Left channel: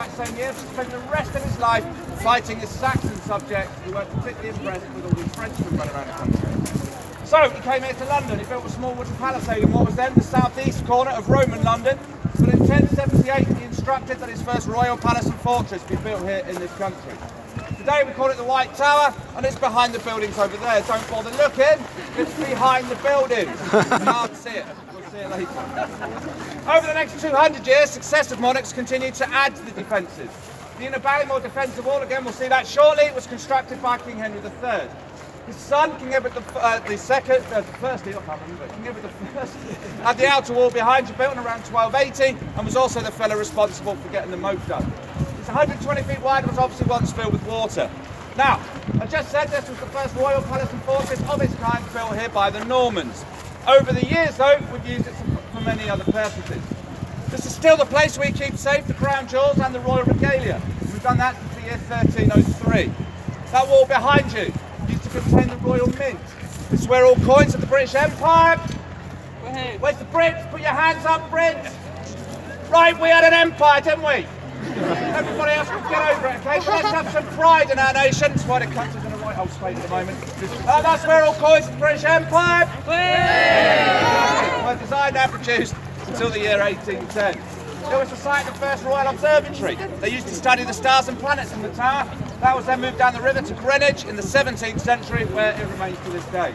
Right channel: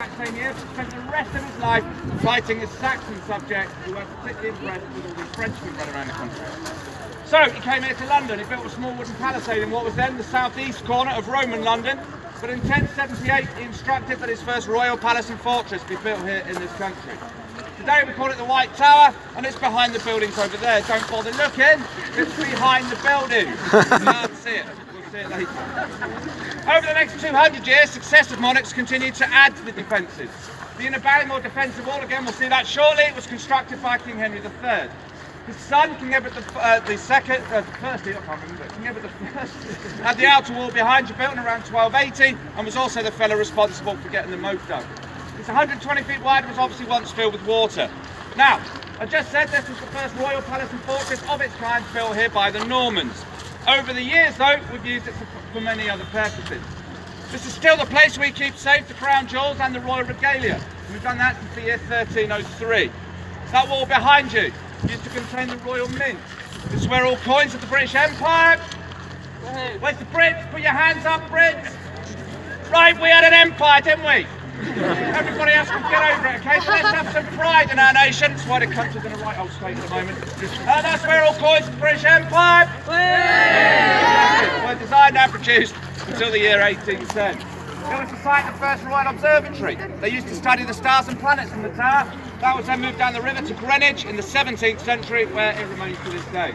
That same year, spent the rest of his life fighting his Saxon subjects who were particularly impressed with all these Frenchmen running around the country. So he came here to London. He built a small wooden palisade in what was then the southeast corner of Roman London. But in 1078 he instructed that his first royal palace and fortress be built here in this country. Today we call it the White Tower, and it's behind the buildings over there. Don't bother looking, it's behind the buildings. You can't see it. We'll see it later. Over the next 200 years, successive monarchs continued to add to the defences. The inner Ballymore defensive wall, again we'll see that shortly, was constructed by King Henry III. His son, King Edward the Second, King Edward the First, had the outer wall behind you, built in around 1280, and was also the fellow responsible for getting the moat done. It's 120 feet wide and was obviously once filled with water. Now, I just said this was the first royal palace and fortress of its kind built here by the Normans. Over the years, though, we've used it for many other purposes. This is still the place we keep safe the crown jewels and the royal regalia. We've done that since the year 1303. That wall behind you used to contain the royal mint. This is where all coins of the British Empire. Where's the Brits? Put your hands up, Brits. Right, we had an empire, didn't we? Everybody else can get over it, okay? But let's have some pride in our nation. That's why the country's in a right old state at the moment. That's where all coins of the British Empire were designed and produced until the year 1810. It was the site of the first Royal Observatory. They used to study the stars and planets in the tower. That was then moved down the river to Greenwich in the 17th century, where it remains to this day.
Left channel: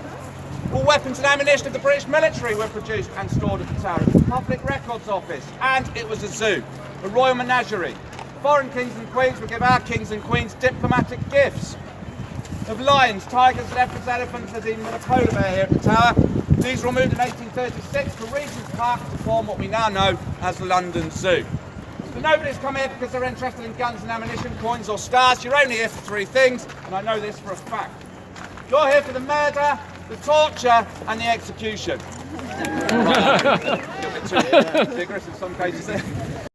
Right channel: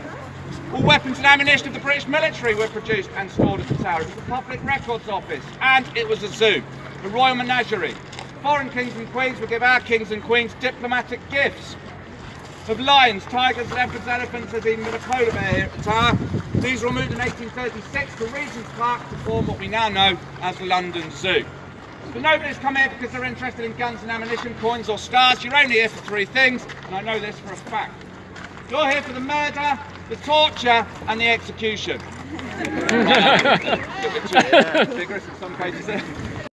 All weapons and ammunition of the British military were produced and stored at the tower. It was a public records office, and it was a zoo, a royal menagerie. Foreign kings and queens would give our kings and queens diplomatic gifts of lions, tigers, leopards, elephants, and even with a polar bear here at the tower. These were removed in 1836 to Regent's Park to form what we now know as the London Zoo. But nobody's come here because they're interested in guns and ammunition, coins or stars. You're only here for three things, and I know this for a fact. You're here for the murder, the torture, and the execution. A bit too vigorous in some cases there.